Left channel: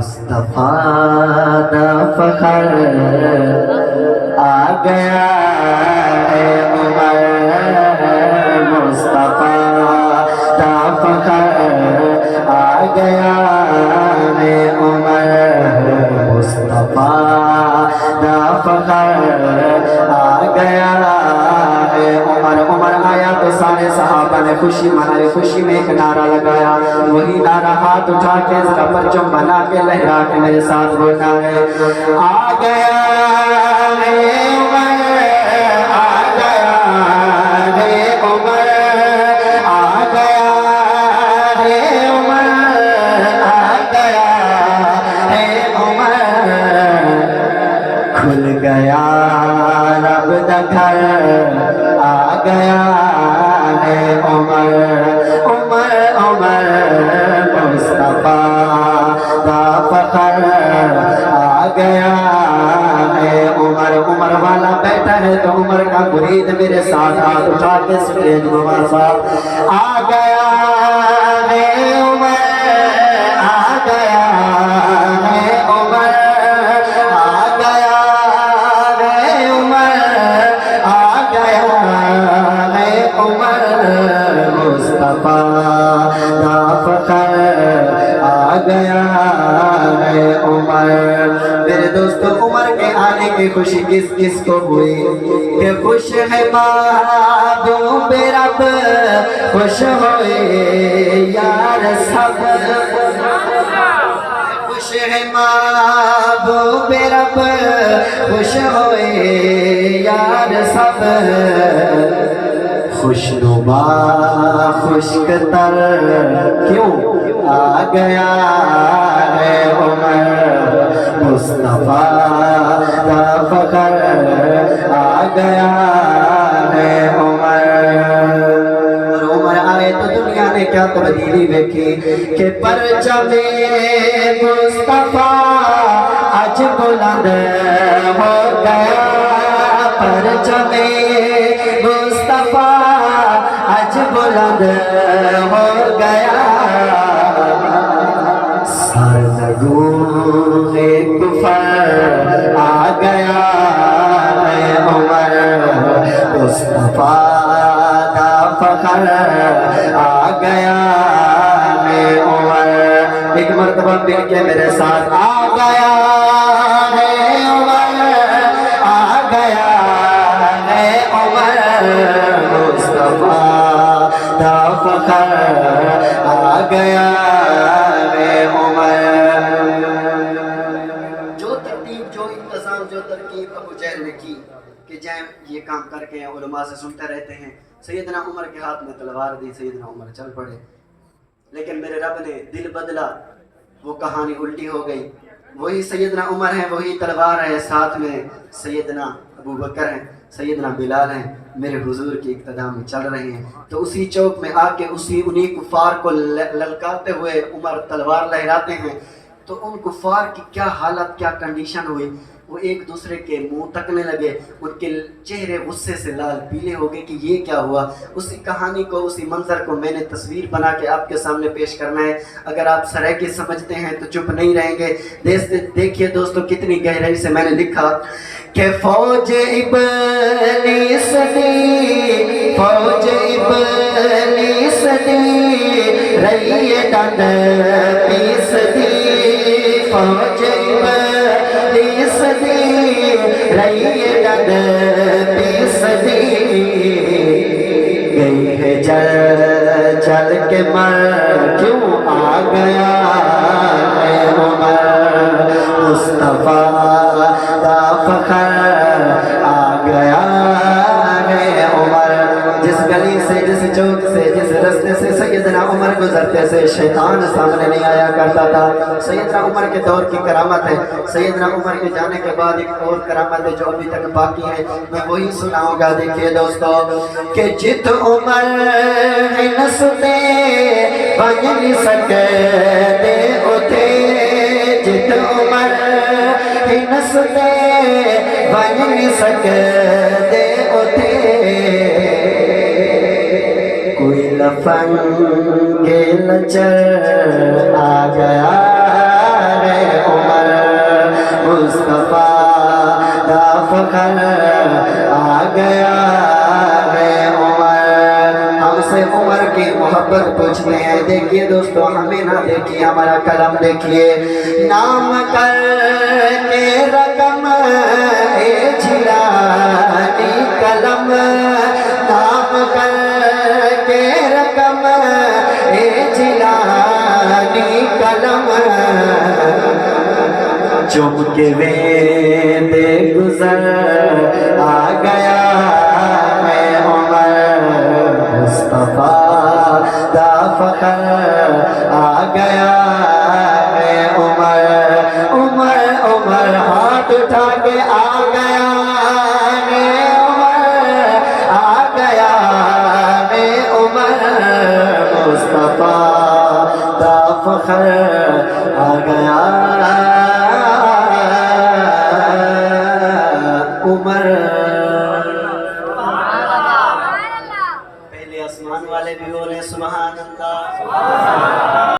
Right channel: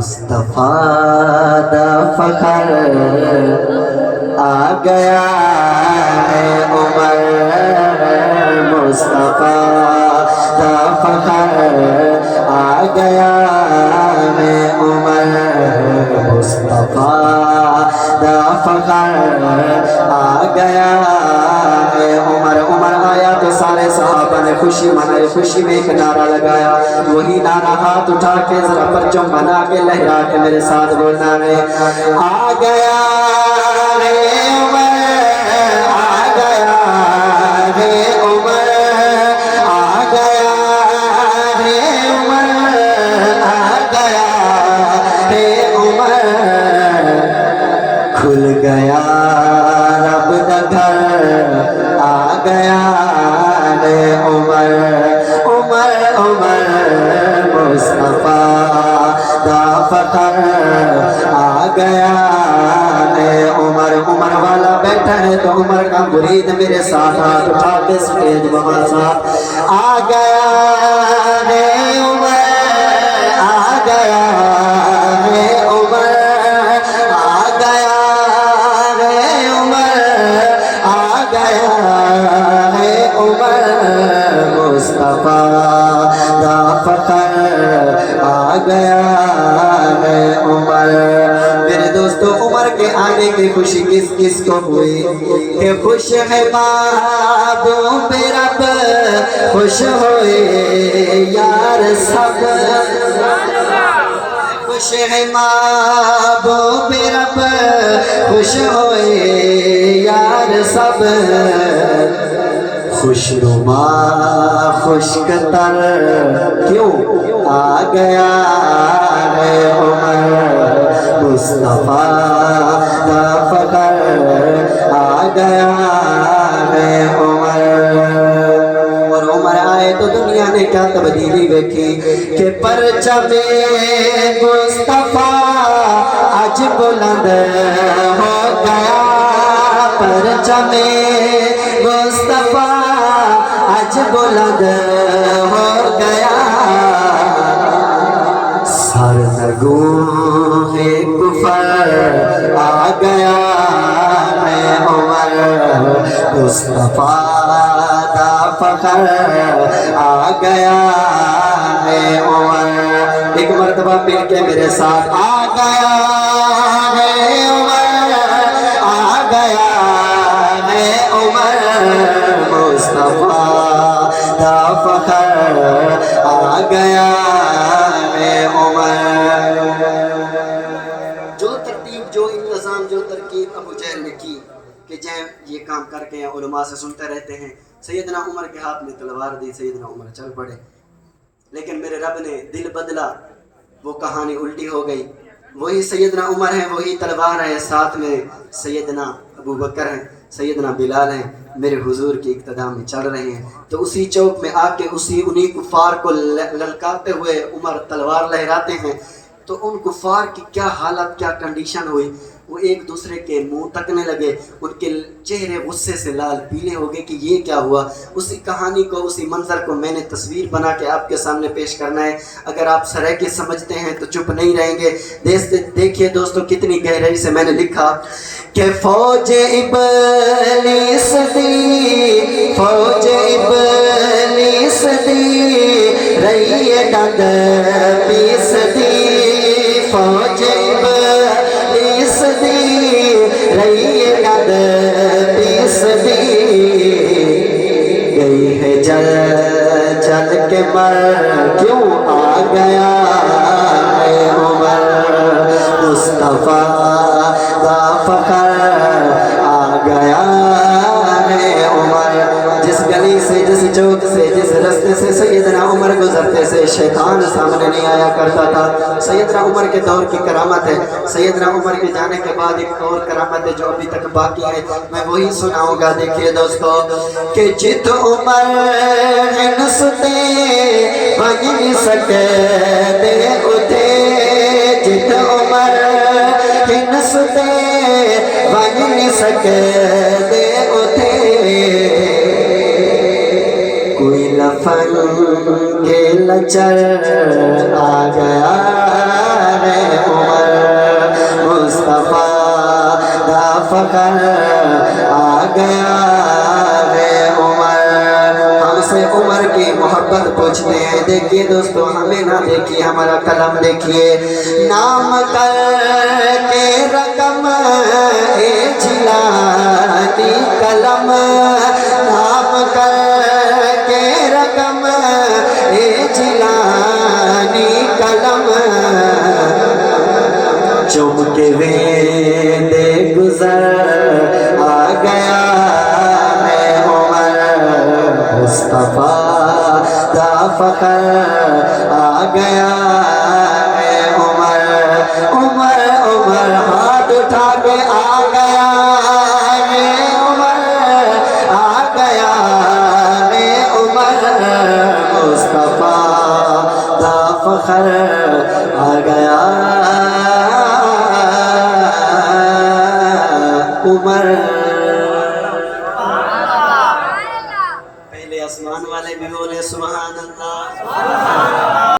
मुस्तफा दा फखर आ गया है उमर, मुस्तफा दा फखर आ गया है उमर, मुस्तफा दा फखर आ गया है उमर। उमर आया तो सारे सहाबा ने खुशी मनाई, खुशी में एक नारा लगाया, वही नारा हाथ उठा के जरा परचम बना के लहरा के मेरे साथ बोलना है, आ गया है उमर, आ गया है उमर, आ गया है उमर, आ गया है उमर, खुल गया रब दा घर, आ गया है उमर, उमर उमर मुस्तफा दा फखर आ गया है उमर। उमर वाला बैठा है तो उमर का मुरीद मेरे साथ हाथ उठा के स्टेज बाबा साथ, आ गया है उमर, आ गया है उमर, आ गया है उमर, आ गया है उमर, मुस्तफा दा फखर आ गया है उमर। मेरे दोस्तों, उमर के आने की खुशी किस किस को हुई? कि खुश है महबूब रब, खुश होए यार सब, खुश है महबूब रब, खुश होए यार सब, खुशनुमा खुशकतर क्यों आ गया है उमर, मुस्तफा दा फखर आ गया है उमर। और उमर आए तो दुनिया ने क्या तब्दीली देखी कि परचमे मुस्तफा आज बुलंद हो गया, परचमे मुस्तफा आज बुलंद हो गया, सरनगू है कुफर आ गया है उमर, मुस्तफा दा फखर आ गया है उमर। एक मर्तबा मिल के मेरे साथ, आ गया है उमर, आ गया है उमर, मुस्तफा दा फखर आ गया है उमर। जो तरतीब, जो इंतजाम, जो तरकीब अबू जहल ने की कि जैन ये काम करके उलमा से सुनते रहते हैं, सैयदना उमर के हाथ में तलवार दी, सैयदना उमर चल पड़े, लेकिन मेरे रब ने दिल बदला, वो कहानी उल्टी हो गई। वही सैयदना उमर है, वही तलवार है, साथ में सैयदना अबू बकर हैं, सैयदना बिलाल हैं, मेरे हुजूर की इक्तदा में चल रहे हैं। तो उसी चौक में आके उन्हीं कुफार को ललकारते हुए उमर तलवार लहराते हैं, तो उन कुफार की क्या हालत, क्या कंडीशन हुई, वो एक दूसरे के मुंह तकने लगे, उनके चेहरे गुस्से से लाल पीले हो गए कि ये क्या हुआ। उसी कहानी को, उसी मंजर को मैंने तस्वीर बना के आपके सामने पेश करना है। अगर आप सराहनीय समझते हैं तो चुप नहीं रहेंगे। देखिए दोस्तों, कितनी गहराई से मैंने लिखा कि फौज इब्लीस दी, फौज इब्लीस दी, रही डंड पीस दी, फौज इब्लीस दी, रही डंड पीस दी, गई है जल जल के मर, क्यों आ गया है उमर, मुस्तफा दा फखर आ गया है उमर। जिस गली से, जिस चौक से, जिस रास्ते से सैयदना उमर गुजरते से शैतान सामने नहीं आया करता था। सैयदना उमर के दौर की करामत है। सैयदना उमर के जाने के बाद एक और करामत है जो अभी तक बाकी है, मैं वही सुनाऊंगा। देखिए दोस्तों कि जित उमर नसते बन नहीं सके दे उठे, जित उमर नसते बन नहीं सके दे उठे, कोई लफन के लचर आ गया है دیکھیے دوستو، ہمیں نہ دیکھیے، ہمارا قلم دیکھیے. نام کر کے رقم اے جیلانی قلم، نام کر کے رقم اے جیلانی قلم، چم کے دے گزر آ گیا ہے عمر، مصطفیٰ دا فخر آ گیا ہے عمر. عمر عمر ہاتھ اٹھا کے آ گیا ہے عمر، آ گیا ہے عمر، مصطفیٰ دا فخر آ گیا عمر. پہلے آسمان والے بھی بولے سبحان اللہ.